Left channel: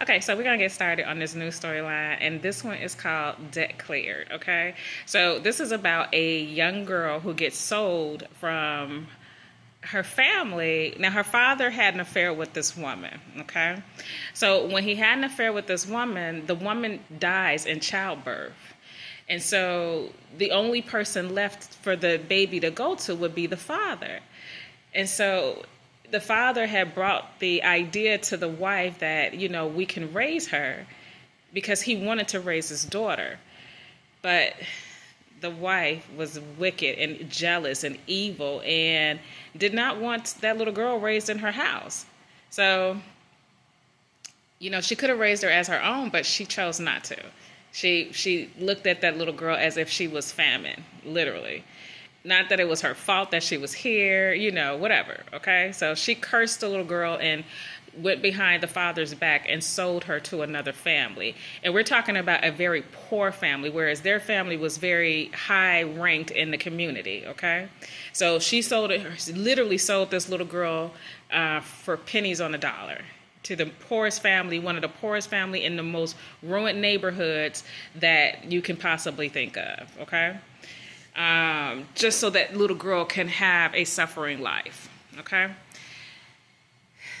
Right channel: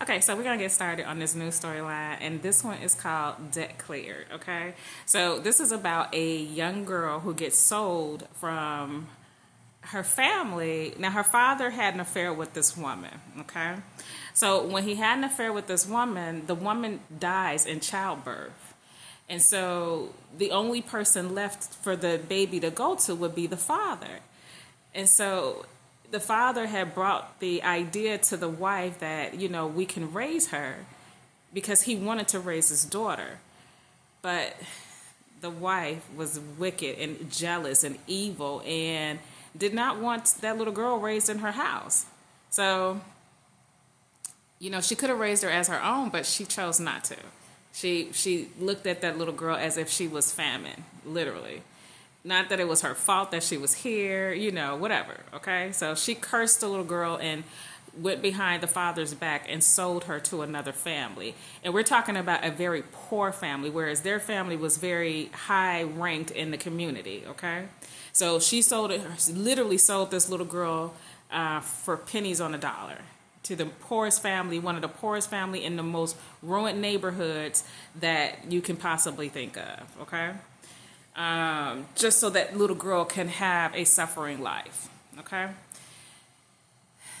Okay, so we're gonna get started on this new storyline, and this one is called Debt Cleared. Okay, so this is about a young girl who gets sold from her family. Now, her father had an affair with this woman. Okay, so when he had an affair with this woman, the woman dies in childbirth. And so the only person left for the baby to go to would be the father. And so the father had brought the idea to the wife that, we can raise her because he wanted to raise his daughter. But the wife was wicked and jealous and evil and did not want that little girl raised in her house. So, she could have raised her as her own, but she chose not to. She looked at that little girl as if she was famine, literally. Not that it was her fault that she was here, whatever, okay? So she cursed the little girl and went behind the father's back and sold her to another family. And we're talking about a very poor family, whereas their family was very high ranked in the community, okay? So she literally sold this little girl for pennies on the dollar to the poorest family, one of the poorest family in the most ruined neighborhoods that you can possibly think of, okay? Just so that little girl can have a suffering life, okay?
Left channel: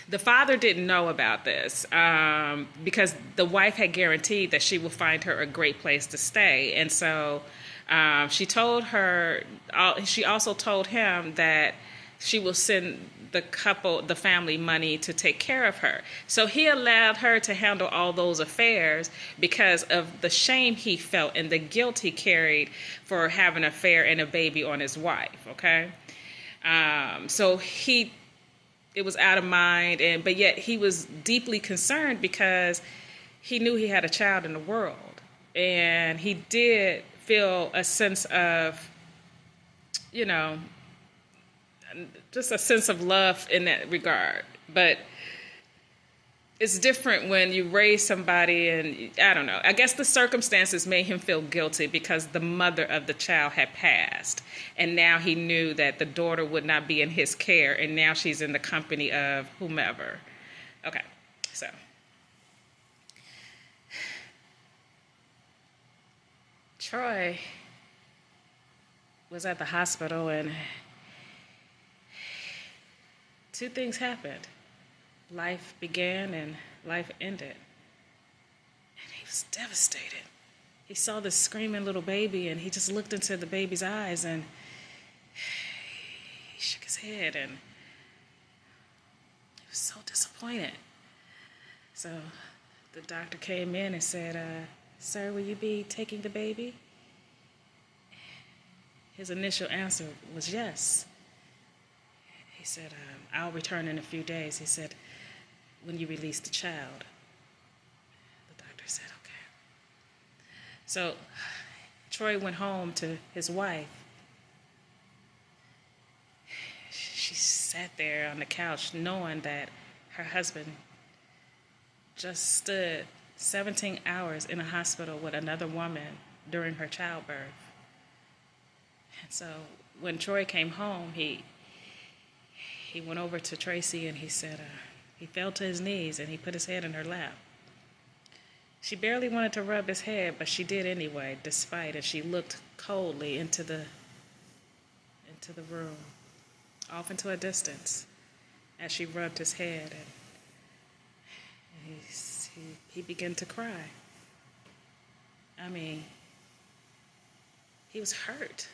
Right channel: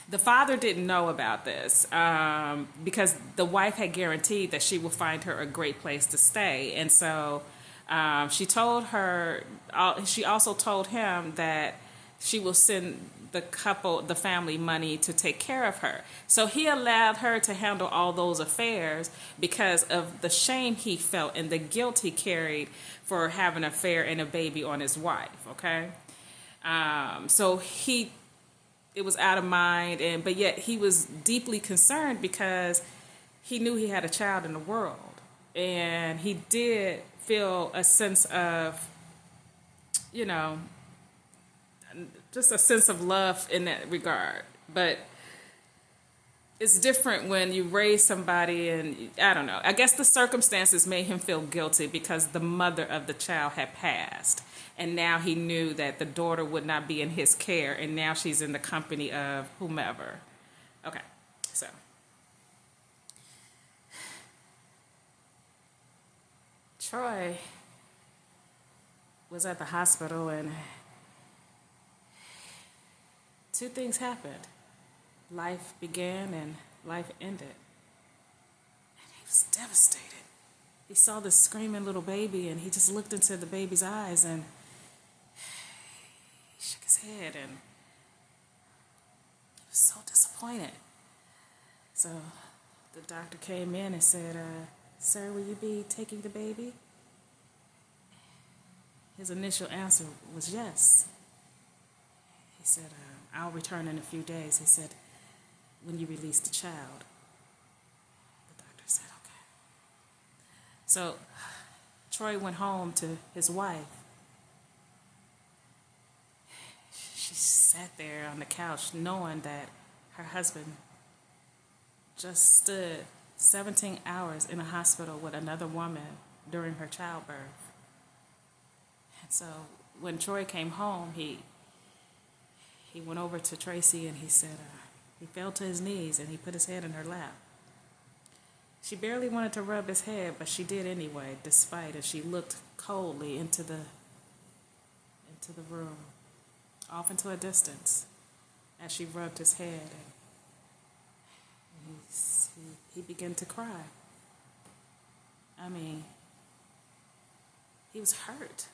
The father didn't know about this because the wife had guaranteed that she would find her a great place to stay. And so she also told him that she will send the family money to take care of her. So he allowed her to handle all those affairs because of the shame he felt and the guilt he carried for having an affair and a baby on his wife, okay? So it was out of mind, but yet he was deeply concerned because he knew he had a child in the world. And he did feel a sense of, just a sense of love in that regard. But it's different when you raise somebody and, I don't know. I guess the circumstances made him feel guilty because the mother of the child had passed. And now he knew that the daughter would not be in his care. And now she's in the company of whomever. Okay, so. Troy was at the hospital and two things happened. Life began and life ended. And he was devastated. He saw this screaming little baby and he just looked into the baby's eyes and he shook his head and he was so disappointed. So the doctor came in and said, "Sir, will you be taking the baby?" His initial answer was yes. He said, "I'll return in a few days." He said, "When you release the child." The doctor said, "Okay." So Troy went home to his wife. She sat there on the couch knowing that her husband just stood 17 hours in a hospital with another woman during her childbirth. And so when Troy came home, he went over to Tracy and he said, he fell to his knees and he put his head in her lap. She barely wanted to rub his head, but she did anyway, despite it. She looked coldly into the room, off into a distance, as she rubbed his head, and he began to cry. I mean, he was hurt,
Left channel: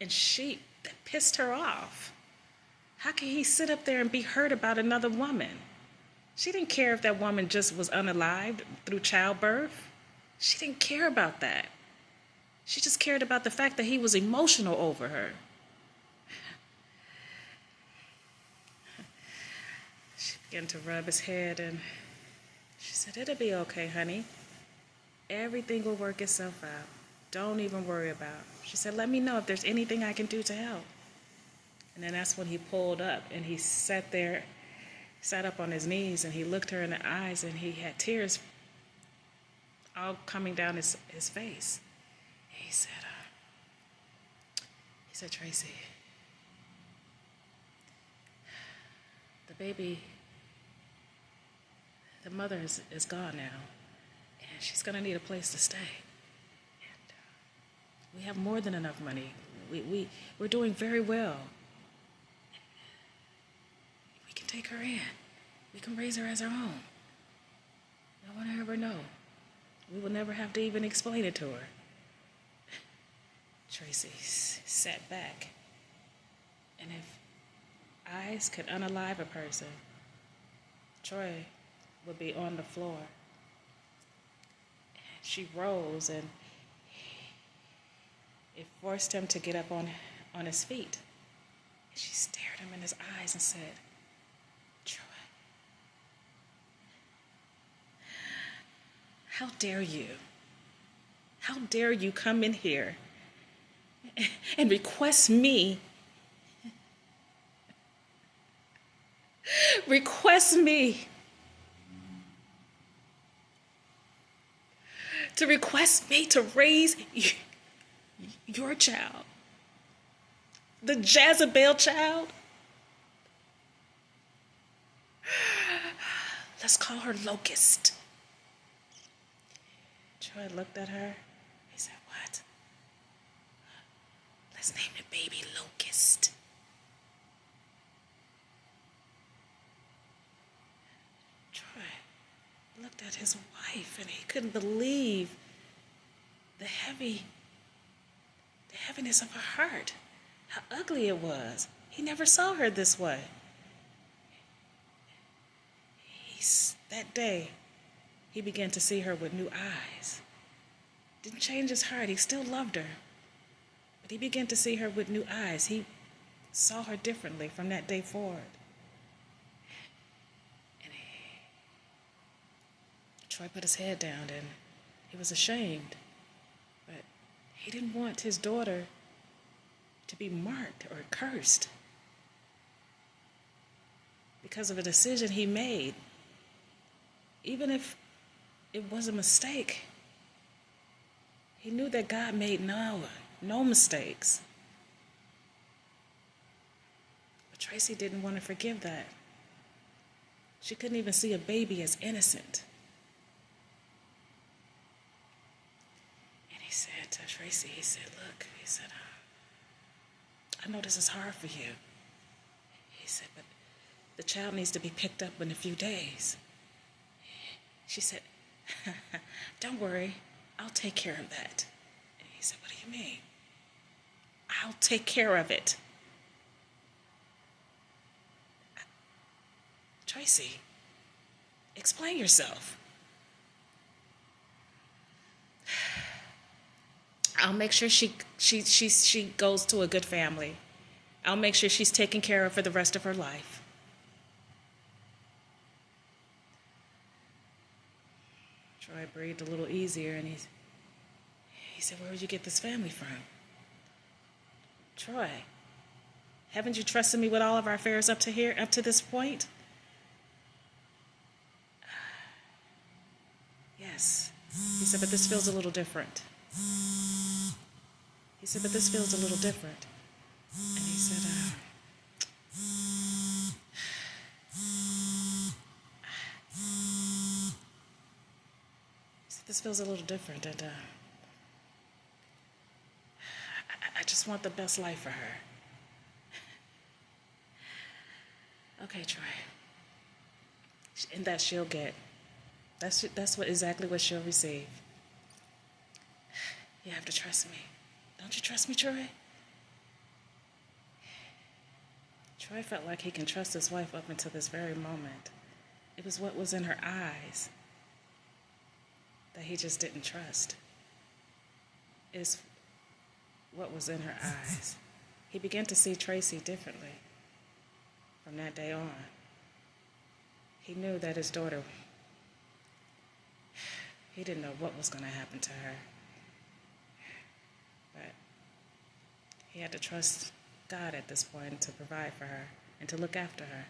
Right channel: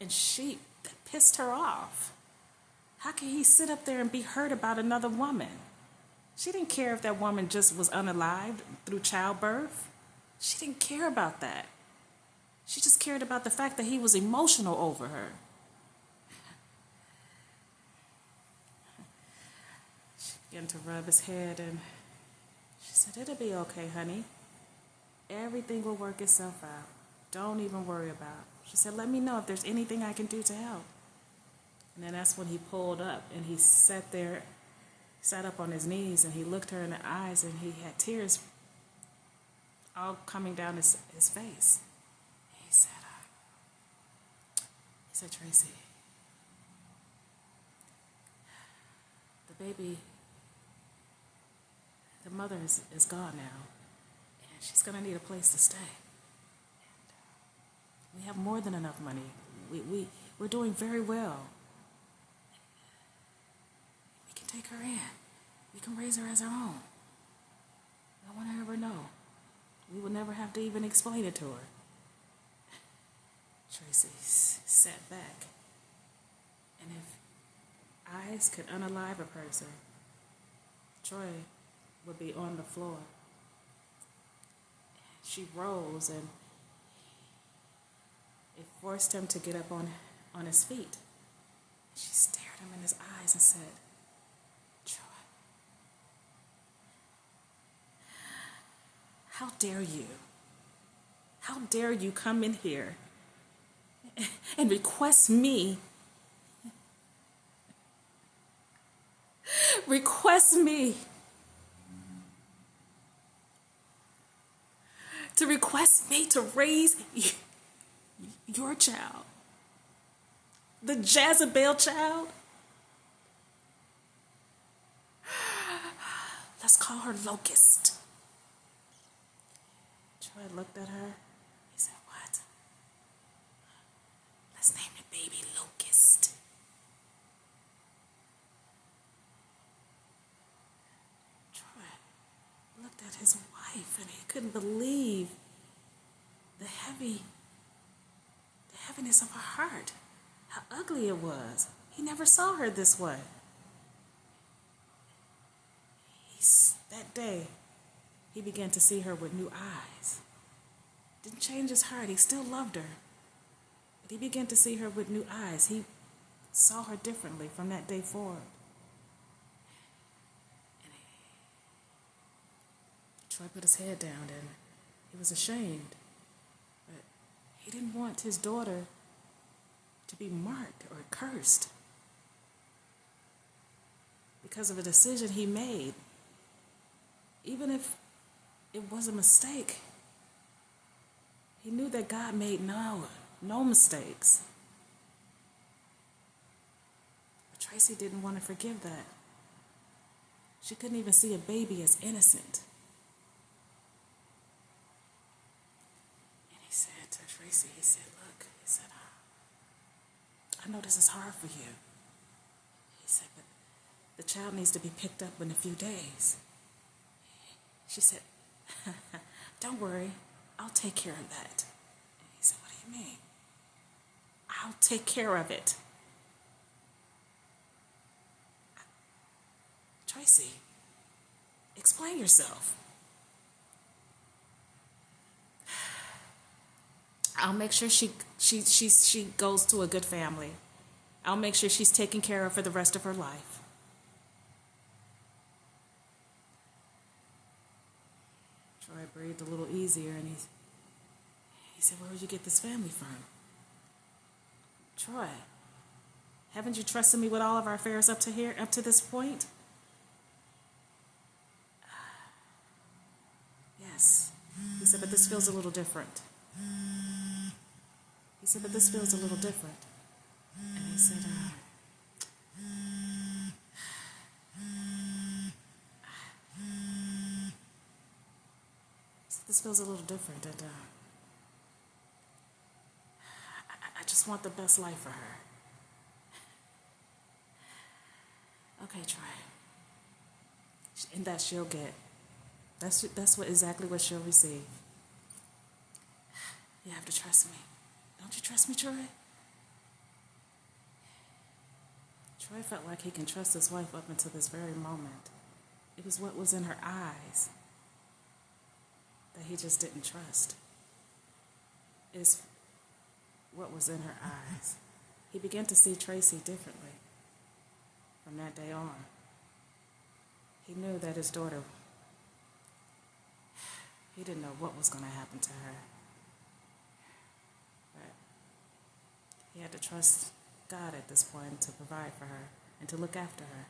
and that pissed her off. How can he sit up there and be hurt about another woman? She didn't care if that woman just was unalived through childbirth. She didn't care about that. She just cared about the fact that he was emotional over her. She began to rub his head and she said, "It'll be okay, honey. Everything will work itself out. Don't even worry about it." She said, "Let me know if there's anything I can do to help." And then that's when he pulled up and he sat up on his knees and he looked her in the eyes and he had tears all coming down his face. He said, "Tracy, the baby The mother is gone now, and she's going to need a place to stay. And we have more than enough money. We're doing very well. We can take her in. We can raise her as our own. No one will ever know. We will never have to even explain it to her. Tracy sat back, and if eyes could unalive a person, Troy would be on the floor. And she rose, and it forced him to get up on his feet. And she stared him in his eyes and said, "Troy, how dare you? How dare you come in here and request me to raise your child, the Jezebel child? Let's call her Locust." Troy looked at her. He said, "What? Let's name the baby Locust." Troy looked at his wife, and he couldn't believe the heaviness of her heart, how ugly it was. He never saw her this way. That day, he began to see her with new eyes. Didn't change his heart. He still loved her. But he began to see her with new eyes. He saw her differently from that day forward. And Troy put his head down, and he was ashamed. But he didn't want his daughter to be marked or cursed because of a decision he made. Even if it was a mistake, he knew that God made no mistakes. But Tracy didn't want to forgive that. She couldn't even see a baby as innocent. And he said to Tracy, he said, "Look," he said, "I know this is hard for you." He said, "But the child needs to be picked up in a few days." She said, "Don't worry, I'll take care of that." And he said, "What do you mean?" "I'll take care of it." Tracy, explain yourself. I'll make sure she goes to a good family. I'll make sure she's taken care of for the rest of her life. Troy breathed a little easier, and he said, "Where would you get this family from?" "Troy, haven't you trusted me with all of our affairs up to this point?" "Yes." He said, "But this feels a little different." He said, "But this feels a little different." And he said, "This feels a little different, and I just want the best life for her." "Okay, Troy." And that she'll get. That's exactly what she'll receive. "You have to trust me. Don't you trust me, Troy?" Troy felt like he can trust his wife up until this very moment. It was what was in her eyes that he just didn't trust. Is what was in her eyes. He began to see Tracy differently from that day on. He knew that his daughter, he didn't know what was going to happen to her. But he had to trust God at this point to provide for her and to look after her.